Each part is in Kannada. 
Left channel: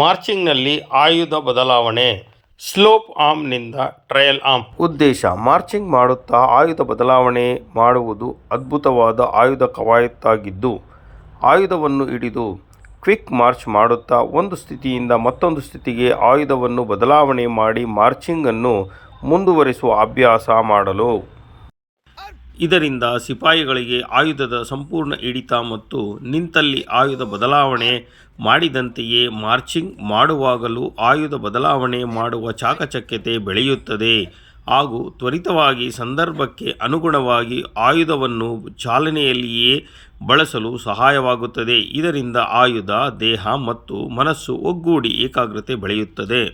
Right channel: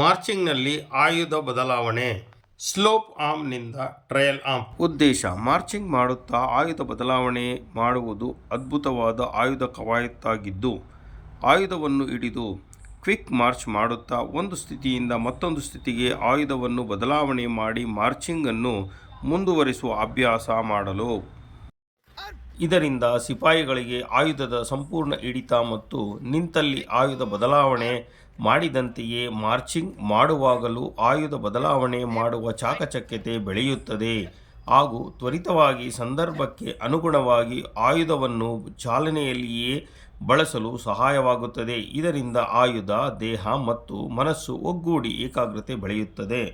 ಮಾರ್ಚಿಂಗ್ನಲ್ಲಿ ಆಯುಧ ಬದಲಾವಣೆ. ಸ್ಲೋಪ್ ಆರ್ಮ್ನಿಂದ ಟ್ರಯಲ್ ಆರ್ಮ್. ಉದ್ದೇಶ: ಮಾರ್ಚಿಂಗ್ ಮಾಡುತ್ತಾ ಆಯುಧ ಬದಲಾವಣೆ ಮಾಡುವುದು ಅದ್ಭುತವಾದ ಆಯುಧ ಕವಾಯತಾಗಿದ್ದು, ಆಯುಧವನ್ನು ಹಿಡಿದು ಕ್ವಿಕ್ ಮಾರ್ಚ್ ಮಾಡುತ್ತಾ ಒಂದು ಸ್ಥಿತಿಯಿಂದ ಮತ್ತೊಂದು ಸ್ಥಿತಿಗೆ ಆಯುಧವನ್ನು ಬದಲಾವಣೆ ಮಾಡಿ ಮಾರ್ಚಿಂಗನ್ನು ಮುಂದುವರಿಸುವ ಅಭ್ಯಾಸ ಮಾಡಲು. ಇದರಿಂದ ಸಿಪಾಯಿಗಳಿಗೆ ಆಯುಧದ ಸಂಪೂರ್ಣ ಹಿಡಿತ ಮತ್ತು ನಿಂತಲ್ಲಿ ಆಯುಧ ಬದಲಾವಣೆ ಮಾಡಿದಂತೆಯೇ ಮಾರ್ಚಿಂಗ್ ಮಾಡುವಾಗಲೂ ಆಯುಧ ಬದಲಾವಣೆ ಮಾಡುವ ಚಾಕಚಕ್ಯತೆ ಬೆಳೆಯುತ್ತದೆ ಹಾಗೂ ತ್ವರಿತವಾಗಿ ಸಂದರ್ಭಕ್ಕೆ ಅನುಗುಣವಾಗಿ ಆಯುಧವನ್ನು ಚಾಲನೆಯಲ್ಲಿಯೇ ಬಳಸಲು ಸಹಾಯವಾಗುತ್ತದೆ. ಇದರಿಂದ ಆಯುಧ, ದೇಹ ಮತ್ತು ಮನಸ್ಸು ಒಗ್ಗೂಡಿ ಏಕಾಗ್ರತೆ ಬೆಳೆಯುತ್ತದೆ.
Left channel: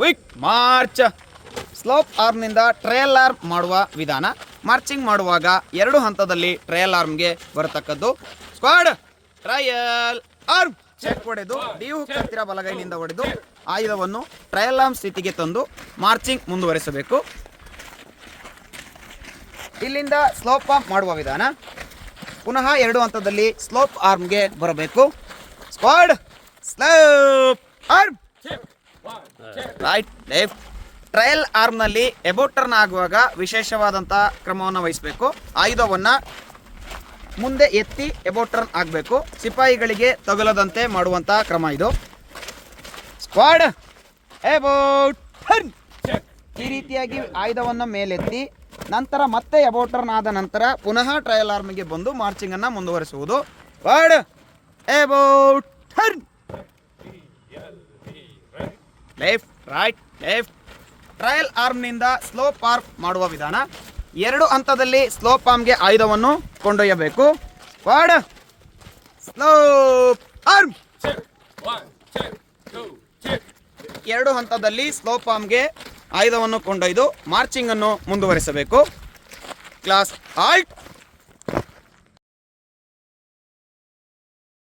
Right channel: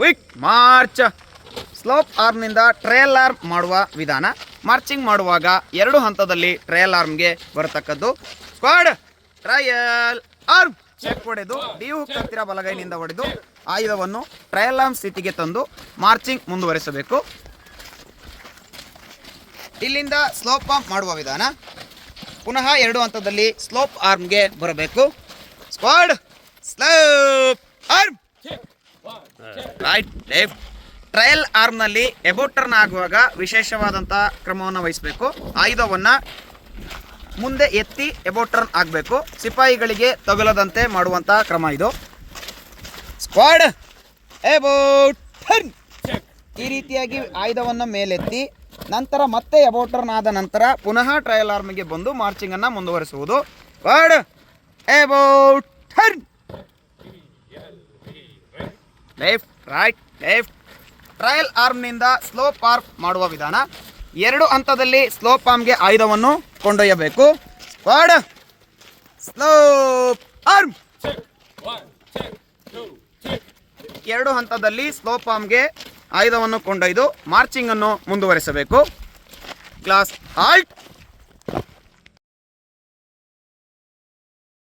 Quick march. ಸ್ಲೋಪ್ ಆರ್ಮ್ನಿಂದ ಟ್ರಯಲ್ ಆರ್ಮ್ ಮಾಡುವ ವಿಧಾನ. ಮಾರ್ಚಿಂಗ್ ಮಾಡುವಾಗ 2 ಹಂತದಲ್ಲಿ ಟ್ರಯಲ್ ಆರ್ಮ್ಗೆ ಬರತಕ್ಕದ್ದು. ಸ್ಕ್ವಾಡ್ ಟ್ರಯಲ್ ಆರ್ಮ್ ಚೆಕ್ ಹೊಡೆದು ಡಿ ಹುಕ್ ಹತ್ತಿರ ಬಲಗೈನಿಂದ ಹೊಡೆದು ಆಯುಧವನ್ನು ಟ್ರಯಲ್ ಆರ್ಮ್ ಸ್ಥಿತಿಗೆ ತಂದು ಮಾರ್ಚಿಂಗ್ ಮುಂದುವರಿಸಬೇಕು. ಇಲ್ಲಿಂದ ಸ್ಲೋಪ್ ಆರ್ಮ್ ಮಾಡುವ ವಿಧಾನ. ಪುನಃ 2 ಹಂತದಲ್ಲಿ ಸ್ಲೋಪ್ ಆರ್ಮ್ಗೆ ಬರಬೇಕು. Squad slope arm right left. Trail ಆರ್ಮ್ನಲ್ಲಿ ಎಬೌಟ್ ಟರ್ನ್ ಆಗುವಾಗ ವಿಶೇಷವಾದಂತಹ ಕ್ರಮವನ್ನು ವಹಿಸಬೇಕು. ಆಯುಧವನ್ನು ಮುಂದೆ ಎತ್ತಿ ಎಬೌಟ್ ಟರ್ನ್ ಆಗಬೇಕು. ಸಿಪಾಯಿಗಳಿಗೆ ತಗುಲದಂತೆ ಮಾಡುವಂತಹ ಕ್ರಮ ಇದು. Squad about turn. ಈ ರೀತಿಯಾಗಿ ಆಯುಧವನ್ನು ಮೇಲೆತ್ತಿ ನಂತರ ಮತ್ತೆ ಎಬೌಟ್ ಟರ್ನ್ ಆದ ನಂತರ ಪುನಃ ಟ್ರಯಲ್ ಆರ್ಮ್ಗೆ ಬಂದು ಮಾರ್ಚಿಂಗ್ ಅನ್ನು ಮುಂದುವರಿಸುವುದು. Squad about turn. Left right left. Trail ಆರ್ಮ್ನಿಂದ ಸ್ಲೋಪ್ ಆರ್ಮ್ ಮಾಡುವ ವಿಧಾನ. 2 ಹಂತದಲ್ಲಿ ಸ್ಲೋಪ್ ಆರ್ಮ್ಗೆ ಆಯುಧವನ್ನು ಕೊಂಡೊಯ್ಯಬೇಕು. Squad slope arm. 2 ಹಂತದಲ್ಲಿ ಸ್ಲೋಪ್ ಆರ್ಮ್ಗೆ ಆಯುಧವನ್ನು ಕೊಂಡೊಯ್ದು ಮಾರ್ಚಿಂಗ್ ಅನ್ನು ಮುಂದುವರಿಸಬೇಕು. Class halt